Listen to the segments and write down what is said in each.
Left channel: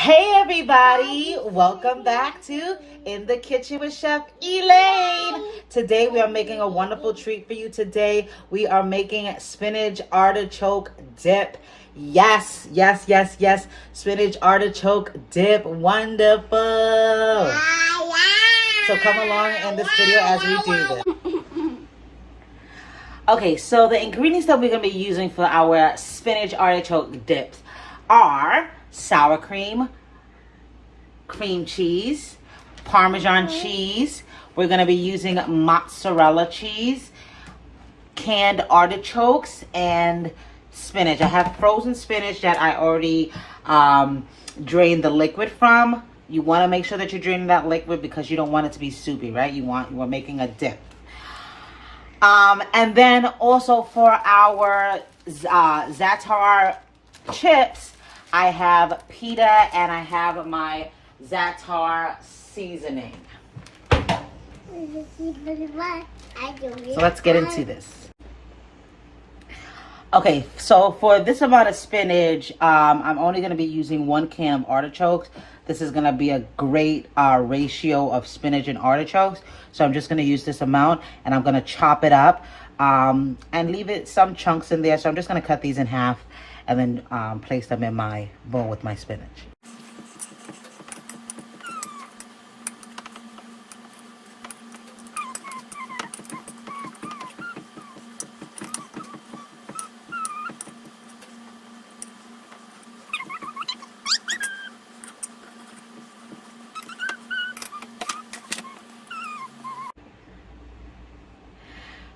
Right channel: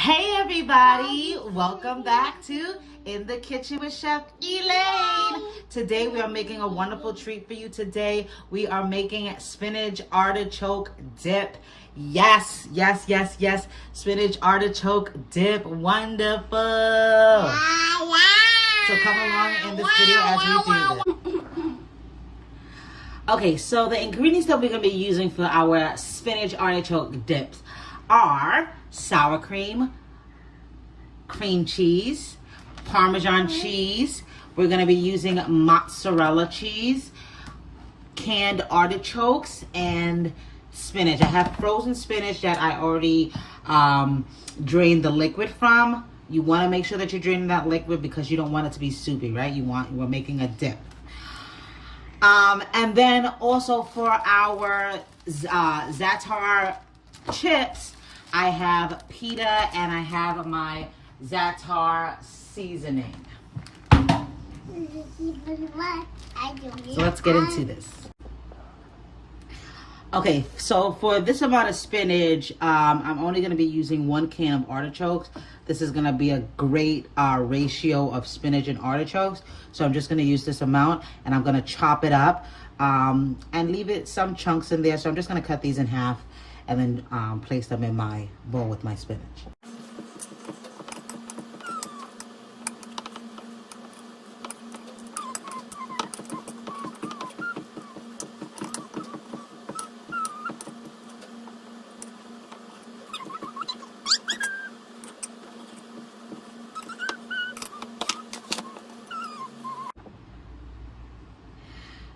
Hey everybody, welcome back to In the Kitchen with Chef Elaine. Today we are making a wonderful treat for you. Today we are making spinach artichoke dip. Yes, spinach artichoke dip, wonderful. So come along in this video as we do this. Okay, so the ingredients that we're going to be using for our spinach artichoke dips are sour cream, cream cheese, Parmesan cheese. We're going to be using mozzarella cheese, canned artichokes, and spinach. I have frozen spinach that I already drained the liquid from. You want to make sure that you're draining that liquid because you don't want it to be soupy, right? We're making a dip. And then also for our za'atar chips, I have pita and I have my za'atar seasoning. So let's get into this. Okay, so for this amount of spinach, I'm only going to be using 1 can of artichokes. This is going to be a great ratio of spinach and artichokes. So I'm just going to use this amount and I'm going to chop it up and leave it some chunks in there. So I'm just going to cut these in half and then place them in my bowl with my spinach.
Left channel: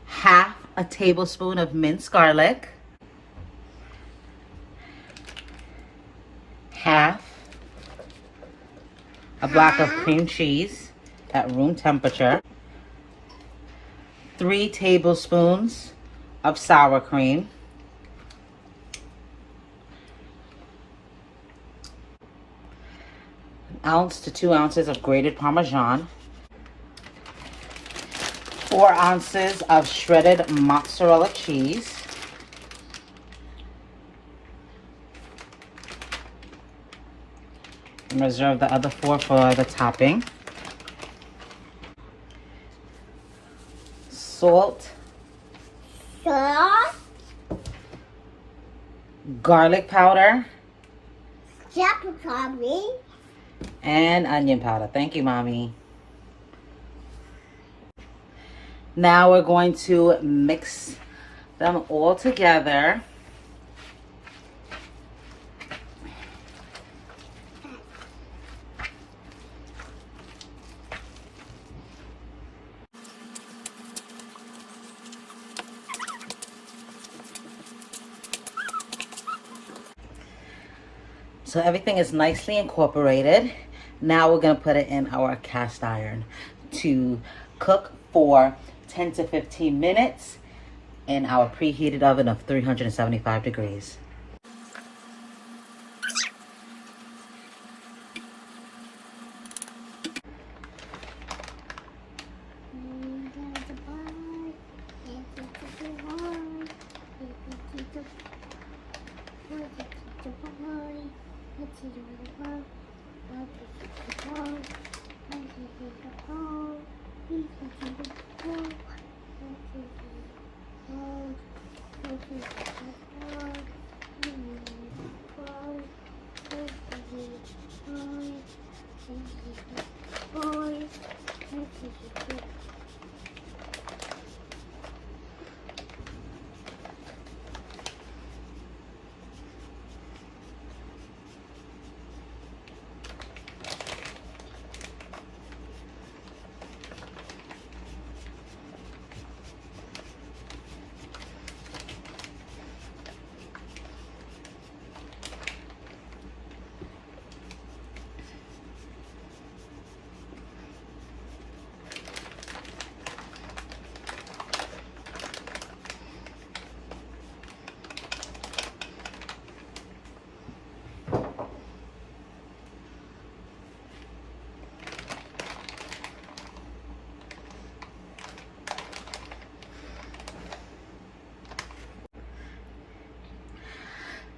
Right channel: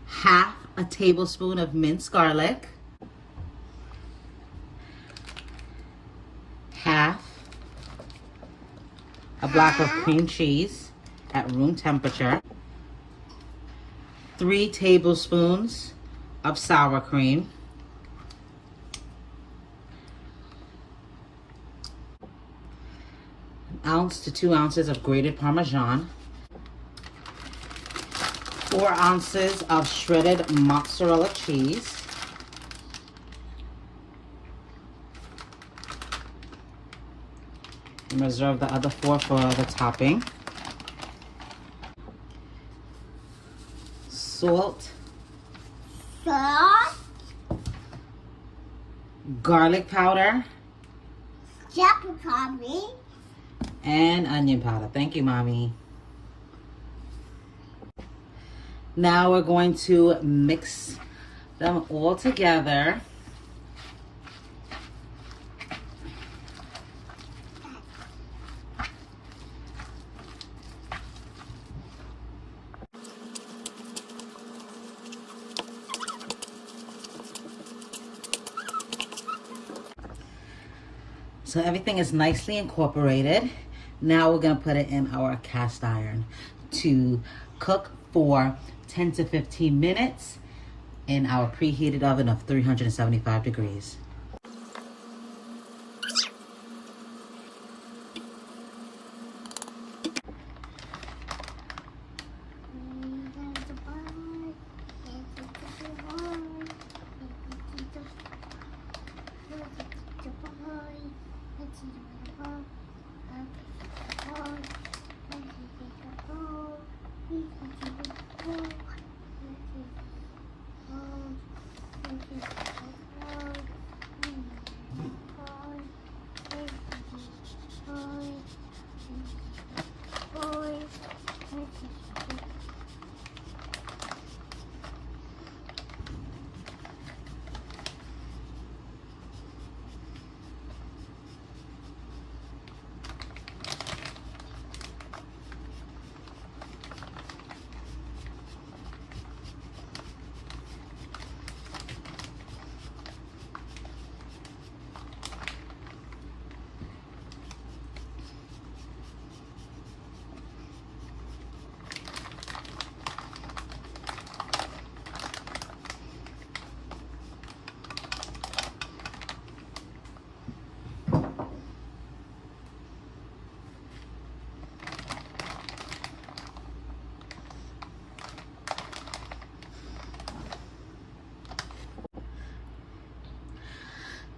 Half a tablespoon of minced garlic, half a block of cream cheese at room temperature, 3 tablespoons of sour cream, an ounce to 2 ounces of grated Parmesan, 4 ounces of shredded mozzarella cheese, and reserve the other 4 for the topping, salt, garlic powder, and onion powder. Thank you, Mommy. Now we're going to mix them all together. So everything is nicely incorporated. Now we're going to put it in our cast iron to cook for 10 to 15 minutes in our preheated oven of 375 degrees.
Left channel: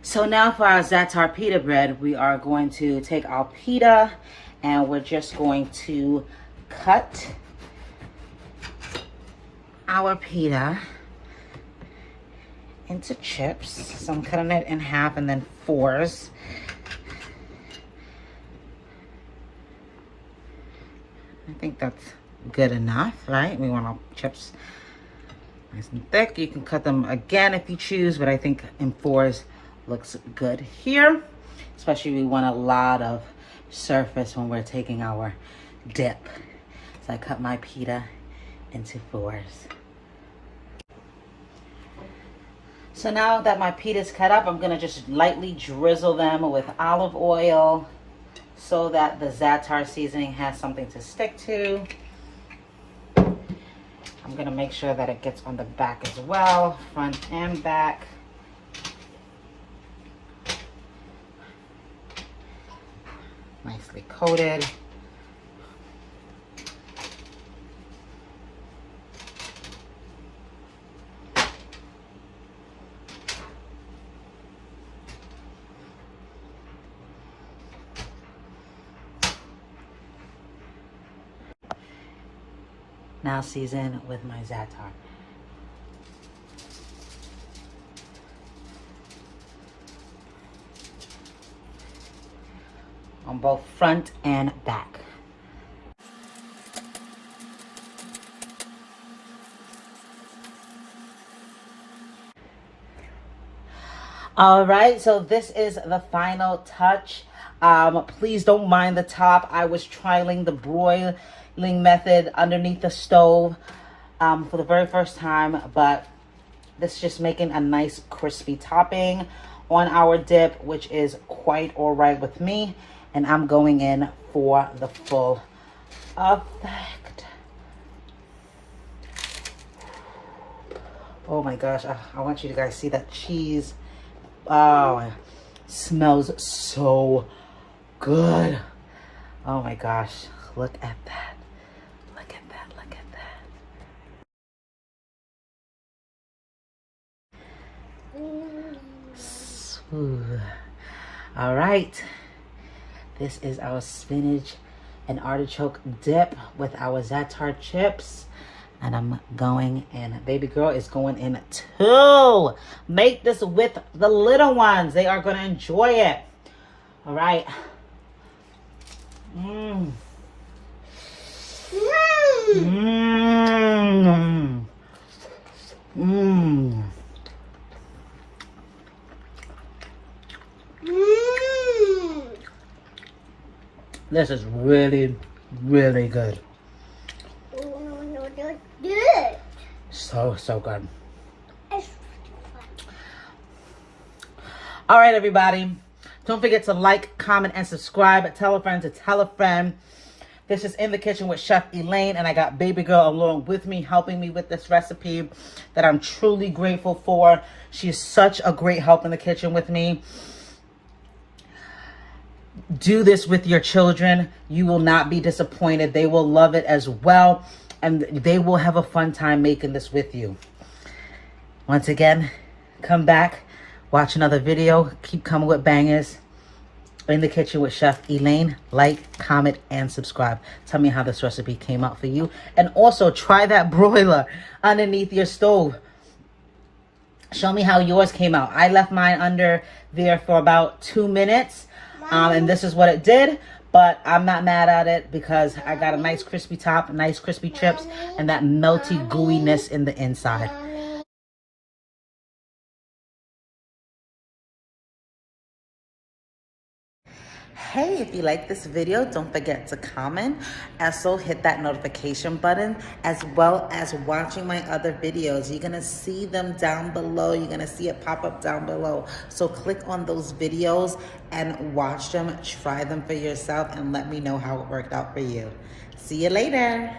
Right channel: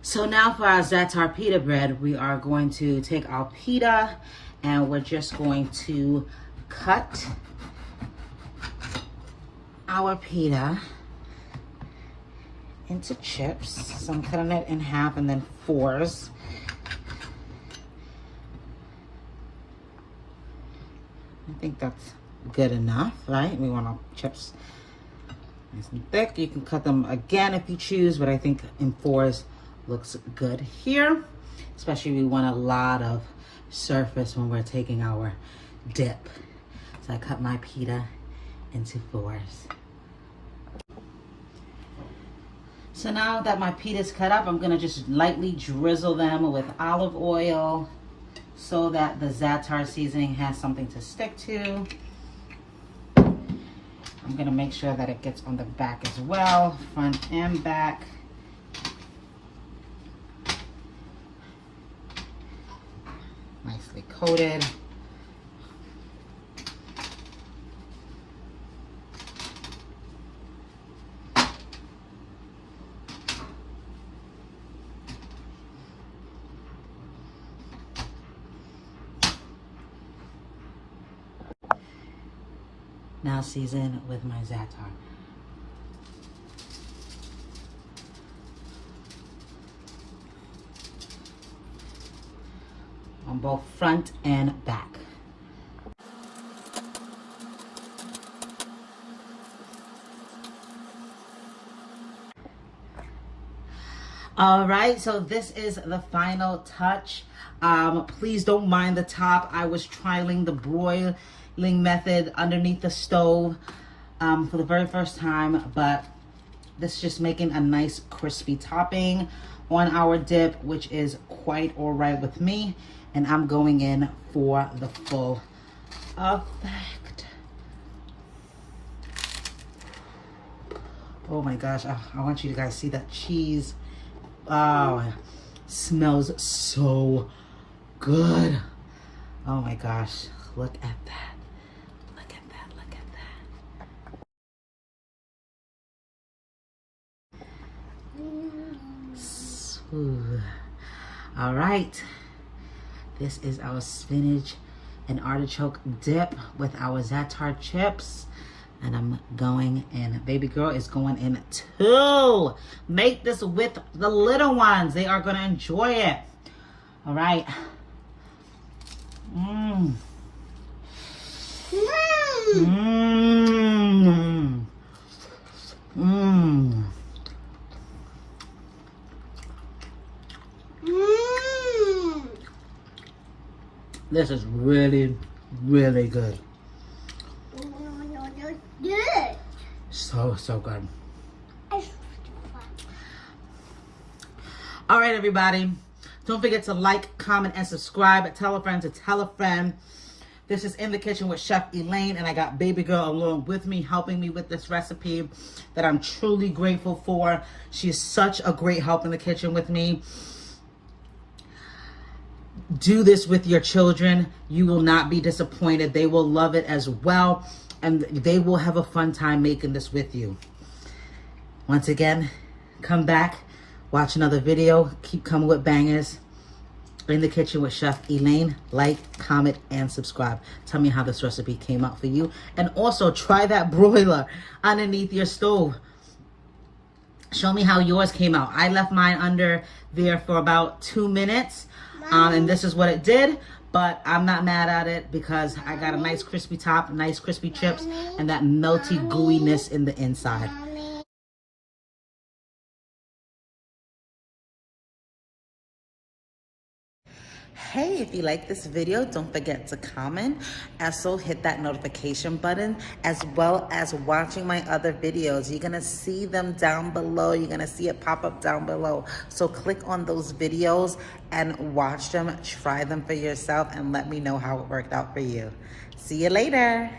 So now for our za'atar pita bread, we are going to take our pita and we're just going to cut our pita into chips. So I'm cutting it in half and then fours. I think that's good enough, right? We want our chips nice and thick. You can cut them again if you choose, but I think in fours looks good here. Especially we want a lot of surface when we're taking our dip. So I cut my pita into fours. So now that my pita's cut up, I'm gonna just lightly drizzle them with olive oil so that the za'atar seasoning has something to stick to. I'm gonna make sure that it gets on the back as well, front and back. Nicely coated. Now season with my za'atar. On both front and back. All right, so this is the final touch. Please don't mind the top. I was trialing the broiling method underneath the stove for the very first time, but this is just making a nice crispy topping on our dip, which is quite all right with me. And I'm going in for the full effect. Oh my gosh, I want you guys to see that cheese. Oh, it smells so good. Oh my gosh, look at that. Look at that, look at that. Smooth. All right. This is our spinach and artichoke dip with our za'atar chips. And I'm going in. Baby girl is going in too. Make this with the little ones. They are going to enjoy it. All right. Mmm. Mmm. Mmm. This is really, really good. So good. All right, everybody. Don't forget to like, comment, and subscribe. Tell a friend to tell a friend. This is In the Kitchen with Chef Elaine, and I got baby girl along with me, helping me with this recipe that I'm truly grateful for. She's such a great help in the kitchen with me. Do this with your children. You will not be disappointed. They will love it as well, and they will have a fun time making this with you. Once again, come back, watch another video, keep coming with bangers. In the Kitchen with Chef Elaine. Like, comment, and subscribe. Tell me how this recipe came out for you. And also, try that broiler underneath your stove. Show me how yours came out. I left mine under there for about 2 minutes. And this is what it did. But I'm not mad at it because I got a nice crispy top, nice crispy chips, and that melty gooiness in the inside. Hey, if you like this video, don't forget to comment. Also, hit that notification button, as well as watching my other videos. You're gonna see them down below. You're gonna see it pop up down below. So click on those videos and watch them, try them for yourself, and let me know how it worked out for you. See you later.